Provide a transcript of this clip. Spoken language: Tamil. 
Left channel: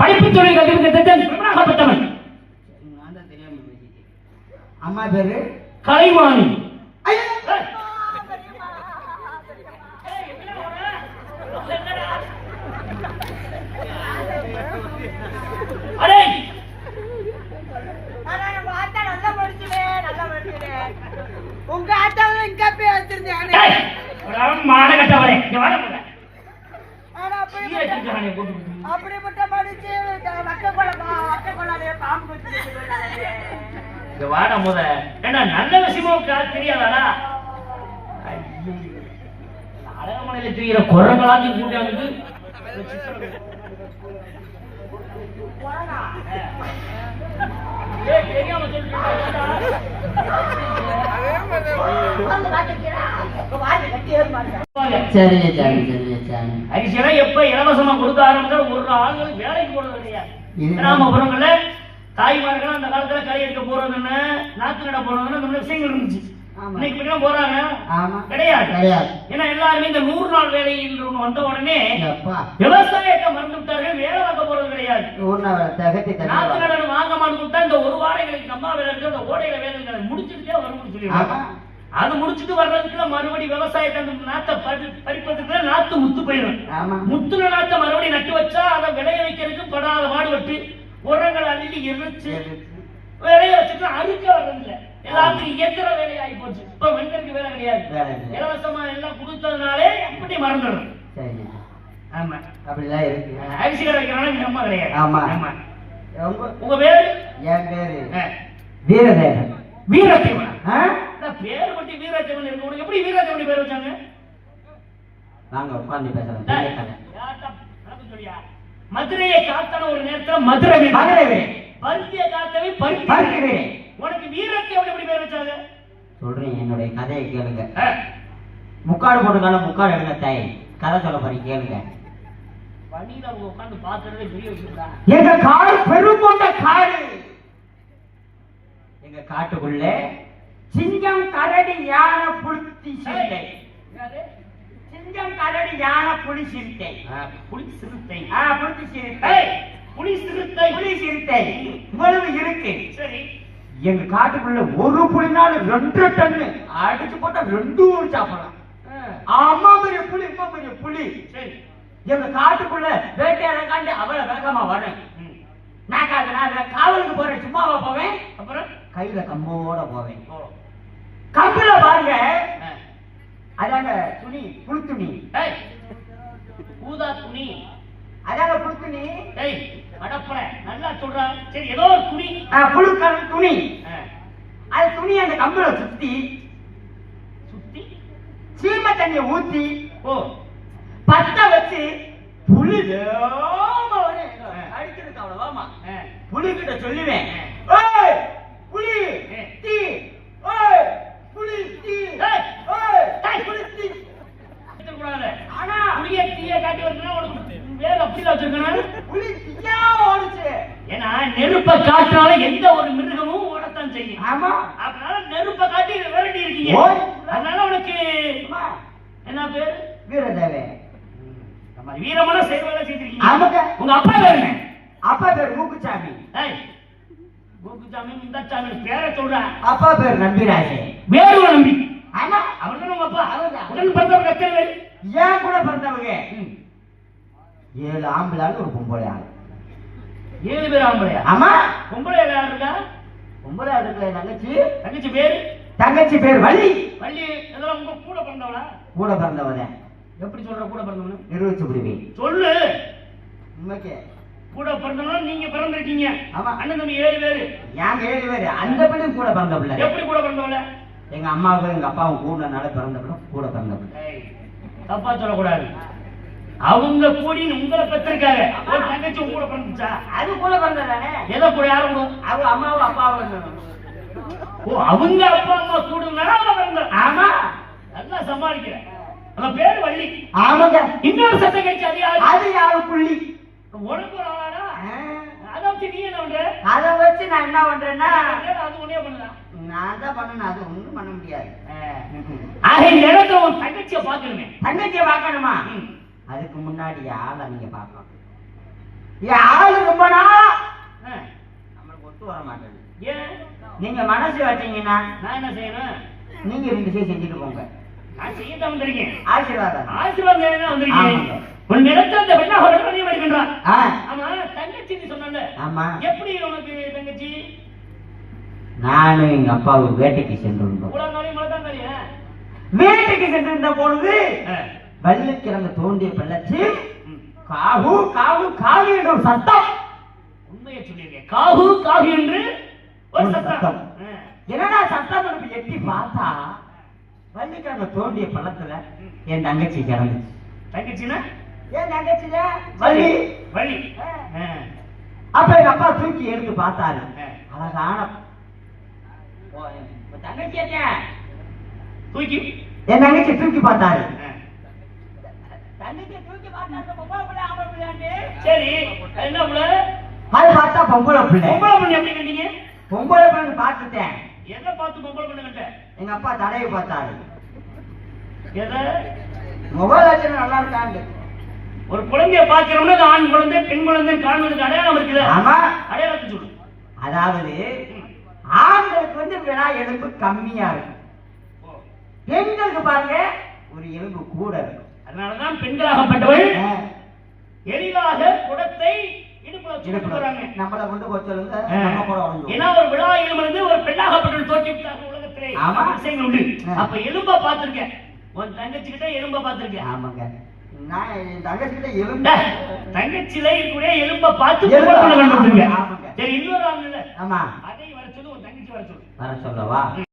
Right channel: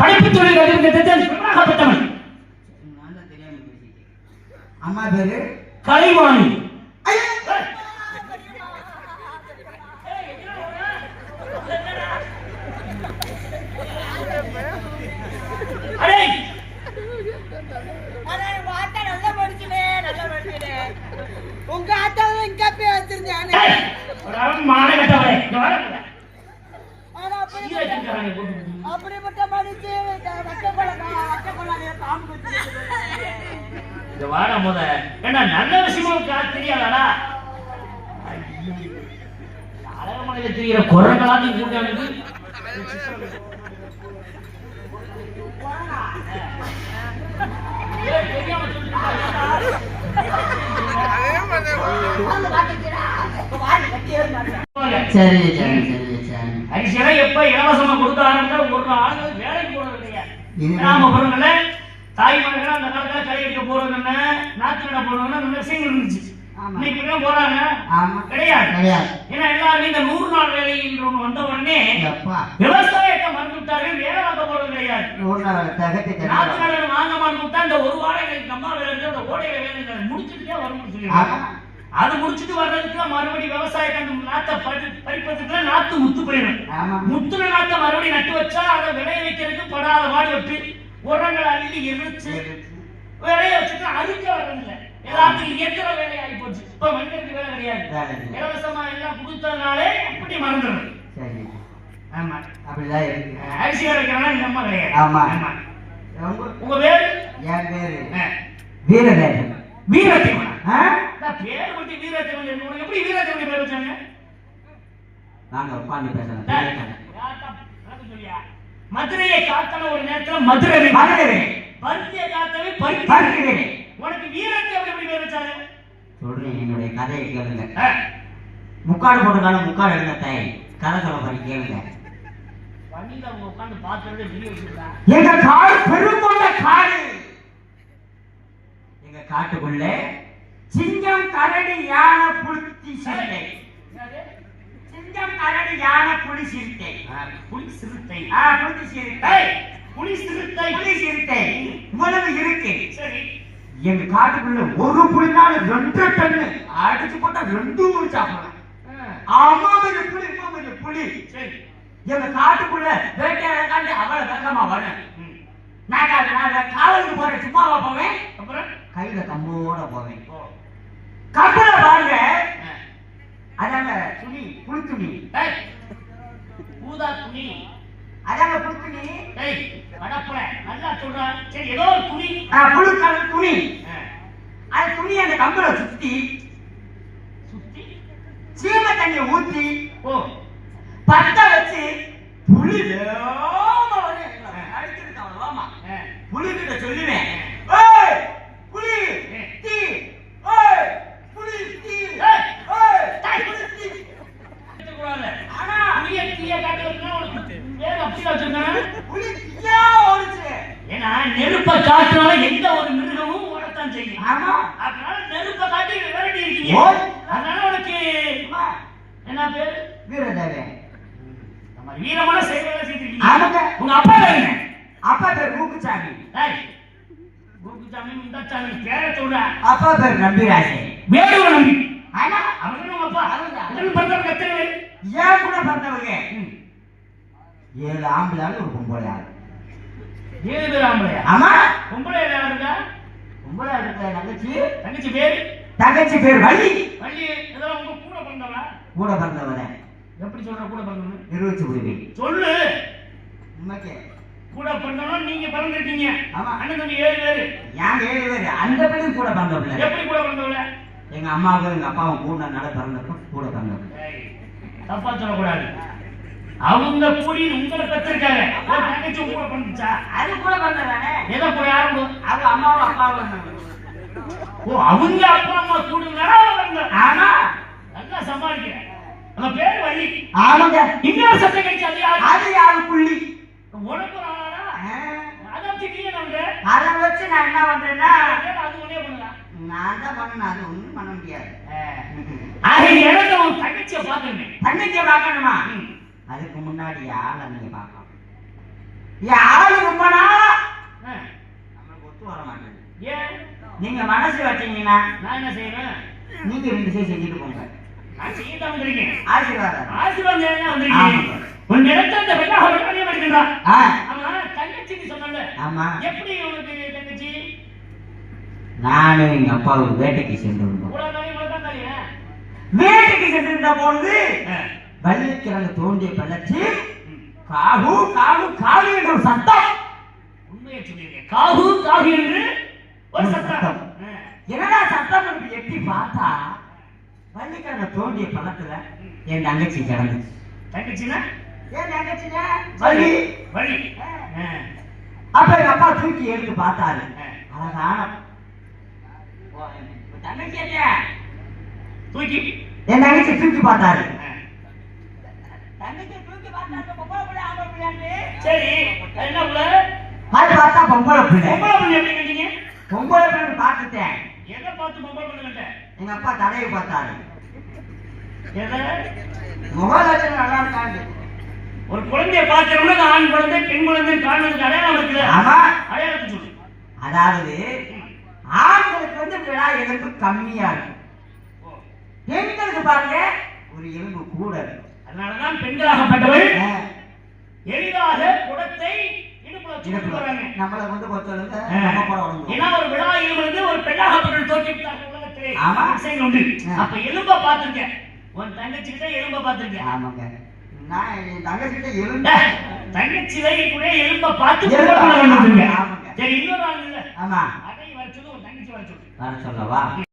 படிப்பு தொழில் கல்வி தெரியாம பேசிட்டேன். அம்மா பேரு? கலைவாணி. உங்க ஆத்தா நல்லா படிச்சுனே நல்லா அப்படிப்பட்ட படிச்சு வக்க கொள்ளமா வக்க கொள்ளாதே பாம்பு குத்தி இங்க வாடா முத ஏண்டா நல்ல விஷயமா உனக்கு தெரியாதாடா அழகுமலையில தெரிகிற குரங்களாட்டி கூட்ட வந்து ஏய், தெரியாம சொல்லிட்டு சரிங்க சாமி சரிங்க சாமி அரிசியெல்லாம் எப்ப இலவசமா கொடுக்க ஆரம்பிச்சா ஒரு ஆள் வேலைக்கு போறது கிடையாது கிராமப்புறங்கள்ல தாய்மார்கள் அந்த காலத்துல கை எடுக்க போறது என்ன? நாத்து நட போறதுன்னா விஷயங்கள் இருந்துச்சு. இன்னைக்கு போறாங்க. ஆமா. கிடையாது. கிடையாது. ஏன்னா எல்லாருமே இந்த நூறு நாள் வேலை ஒண்ணு வந்த உடனே விவசாயத்தை மறந்து விட்டார்கள் வேலை பார்க்க போறது கிடையாது. நாத்து நட வாங்க மறந்து விட்டா இந்த ஒரு வாடகை கம்பா வேலை அந்த ஓடையில வேலை முடிச்சுட்டே வரும்னு ஆமா. அது முடிச்சுட்டு வர்றதுக்குள்ள மறுபடியும் விவசாயத்தை அந்த நாத்தை பறி பறிப்பதுக்குள்ள நாத்து முத்து போயிடும். முத்துன நாத்தை மறுபடியும் நட்டு வச்சா அதை விளைய வைக்கிறதுக்கு படாத பாடு விட்டு. உரங்கள் அள்ளி எரிச்சு விளைய வச்சுட்டு அறுக்க வர்றதில்ல. எல்லாத்துக்கும் இயந்திர வேலை ஆகி போச்சு. இப்ப மனிதனுக்கு வேலை கிடையாது. இலவசமா எல்லாம் கொடுத்ததுனாலே அப்படி மறந்துடும் சரி. ஆமா. அப்படிலாம் இருக்கு. அரிசி நம்ம கிடையாது. ஆமா. ஆமா. உங்க பேரு? என் பேரு ஆ, வீரதேவன் வீரத்தேவன் இருக்கு. உனக்கு எப்படி வீரத்தேவன் பேர் வச்சாங்க. யார்டா? நடந்து சொல்லியா? மதுரையை காத்தன ஒரு நேரத்துல மதுரை மதுரை. பருத்தியை காத்தவை பருத்தி. உனக்கு வீரத்தேவன் எப்படி பேர் வச்சாங்க சொல்றேன் என்னுடைய கதையை கேளுங்க முக்காடு போட்டுக்கான முக்காடு எடுங்க தாய் கதை சொல்ல போறீங்க கேளுங்க உட்கார்ந்து. எங்க காடு பெருங்கொண்ட காடு எங்க காட்டுக்குள்ள சிங்கம் கரடி யானை புலித்தி சிறுத்தை? சிங்கம் கரடி யானை புலி சிறுத்தை புலி சிறுத்தை. ஆ புலித்தி சிறுத்தை. புலி சிறுத்தை. புலி சிறுத்தை. இவ்வளவு இருக்கு. சரி. எங்க காட்டுக்குள்ள ஒரு புலினாலும் ரெண்டு டன்னு அடிச்சு போட்டா ரெண்டு ஊர் சாப்பிடலாம். அம்மா ஒரு புலி அம்மா ஒரு புலி சரி. எங்க காட்டுக்குள்ள வேட்டையாட காண்டி அவ்வளவு வேகமா வரேன். நான் காவலுக்கு போறேன் சும்மாவா போவேன்? அப்புறம்? கையில கம்போட போவேன். கம்புல பாருங்க. அதாங்க துணி புழு துணி. அதாங்க புழு துணி. ஏய் அடப்புற நல்லா சொல்றான் சரி ஏதோ ஒரு துணி. ஆ, புழுக்கல் துணி. அது துணி அந்த கம்புல சுத்தி சுத்தி? சீம தண்ணியை ஊத்தி ஓ. பத்த வச்சு வரும். அடிக்கிறதுக்கு அவ்வளவாமா புலி கிட்ட சொல்லுவேன் ஏய் புலி தீ ஏய் புலி தீ ஏய், ஏய் புலி தீ எடுத்துக்கூடாது. காட்டி வச்சுனா உனக்கு வேறு அப்படி வச்சிருக்கேன்? புலி தீயா ஓடுச்சு. ஏன்னா நெருப்பை காட்டினால எந்த ஒரு மிருகமும் ஓடத்தான் செய்யும். ஆமா. அதனால நெருப்பை காட்டி விரட்டி இருக்கீங்க. ஓய். அதனால உனக்கு அம்மா, என்ன பேரு? வீரதேவே நம்ம வீரமான செயல்களை செய்திருக்கீங்க ஆமாங்க. உங்க அப்பா பேரு அப்பா பேர் மூக்குச்சாமி. ஏய், கோகுசாமி முந்தச்சாமி பேரை சொல்ற. அப்பா பேர் நம்பிராஜே வேறு நம்பி. ஆமா. உங்க அப்பா. பிறந்தவங்க எத்தனை பேர்? ஏன் கூட பிறந்தவங்க. ஏழு ஆம்பளாலும் ஒரு பொம்பளை ஆளு. ஏழு பேர் ஆம்பளையா? ஆமா. பொம்பளை யார் இருக்கா? பொம்பளை இருக்கிற தங்கச்சி? தங்கச்சி பேரு? தங்கச்சி பேர் வள்ளி. வள்ளி இதெல்லாம் உங்க கூட பிறந்தவளா? கூட பிறந்தவன. எப்படி சொல்ற கூட பிறந்தவங்க நிறுவச்சு விடுவேன் சொல்லு. உண்மைக்கு கூட பிறந்தவங்க நீங்க பிறந்திருக்கீங்க ஆமா. அண்ணன் தம்பி ஏழு பேரு. ஏன் ஏழு பேரு? அந்த பிள்ளையும் கூட பிறந்த பிள்ளை. எப்படி கூட பிறந்தவள? எங்க அம்மாவும் எங்க அப்பாவும் கூட நட பிறந்தப்ப கூட பிறந்த பிள்ளை ஏய், தப்பா சொல்லக்கூடாது. அவங்க கூடி உங்களை பெற்றிருக்காரு ஒரு தங்கச்சி கூட பிறந்துச்சா? அது கூட பிறந்ததானே எதை போய் யாரும் அவங்க அம்மாவும் அப்பாவும் ஓ அவங்க அப்பா அம்மா பிறந்த ஆமா. நல்லா சமாளிக்கிறேன் உங்க பேர் வள்ளி. ஆமாங்க. இன்னொரு சத்தம் கழிச்சு அது யாரு? அது யாரு புள்ளி? உனக்கு திடீர்னு அவங்க அதை வச்சு நான் என்ன பண்றேன்னா அது நான் தான் பண்ணணும் அது ஒண்ணும் பண்ண முடியாது. இந்த இடத்துல ஒரு தங்கச்சியை பார்க்கணுமா? அதுக்கு முன்னாடி ஆளை நீங்க பார்க்கணும். ஆளு ரொம்ப நாளா? நம்மளுக்கு ஒத்து வர மாட்டேங்குது. ஏன்? நீங்க மனசு வச்சீங்கன்னா நான் என்ன செய்யணும் நீங்க ரெண்டு சைடு செஞ்சுட்டு போங்க. நான் செய்யத்தான் வந்திருக்கேன். ஆசீர்வாதம். ஆசீர்வாதம் என்ன வந்திருக்கேன். உன் இடத்துல இந்த வெள்ளா எடுக்கின்றான் ஆ, ஆமா தங்கச்சின்னு ஆமா. எப்படி உனக்கு நானும் எங்க அப்பா ஒரு வேட்டைக்கு சென்றிருந்தோம் வேட்டைக்கு சென்றிருந்த பொழுது பள்ளிக்கிழங்கு தோண்டிய பள்ளத்தில் காகு காகு காகு என்ற சத்தம். உண்மையை சொல்லியிருக்கேன் காகு காகு என்று ஒரு சத்தம். என்னடா சத்தம் நமக்கு எட்டி பார்த்தா பள்ளிக்கிழங்கு தோண்டிய பள்ளத்துல என் தங்கச்சி கிடந்துச்சு. தங்கச்சின்னா என் தங்கச்சில வழி வழி. அப்ப எங்க அப்பா தூக்கி எடுத்து பார்த்தாரு. அழகான ஓ, என் தங்கச்சி என்ன தூக்கி என் தங்கச்சி தூக்கி பார்த்தாரு. பிள்ளை சரி என்ன அது பார்த்தா பொம்பளை பிள்ளை. பொம்பளை பொண்ணு எப்படி கண்டீங்க? பொம்பளை பிள்ளை பார்த்துட்டேன். எதை பார்த்து பொம்பளை பொண்ணு கண்ட எங்க அப்பா தலையை பார்த்தாரு. முகலட்சணம் நல்லா இருக்காங்க. ஒரு குழந்தைய பார்க்கிறோம்னா ஆண் குழந்தை பெண் குழந்தை காண்பதுக்கு அடையாளம் இருக்குது? ஆமா. அடையாளத்தை சொல்லு. அதாவது ஆண்களுக்கு வந்து விழா எலும்பு கம்மியா இருக்கும். ஓ. பெண்களுக்கு பாருங்க ஒரு எலும்பு கூட இருக்கும். அதனாலதான் பெண்களாகப்பட்டவள் எளிதாக குடத்தை நம்மளை கொண்டு ஏன்னா ஒரு விழாவில் வந்து ஒரு பெண்ணாகப்பட்டவள் தோற்றிவிட்டார்கள் உலகத்திலே. ஆமா. விஷயங்கள் உண்டு. அப்ப எலும்ப பார்த்திருக்கேன். உன் தங்கச்சி கிட்ட எலும்ப பார்த்திருக்கேன். ஆமாங்க. நான் என் தங்கச்சி கிட்ட எலும்பு டேய், தங்கச்சிலை கூட எலும்ப பார்த்து. சரி இன்னொரு ஆள் ஆமா. அதை சொல்லவா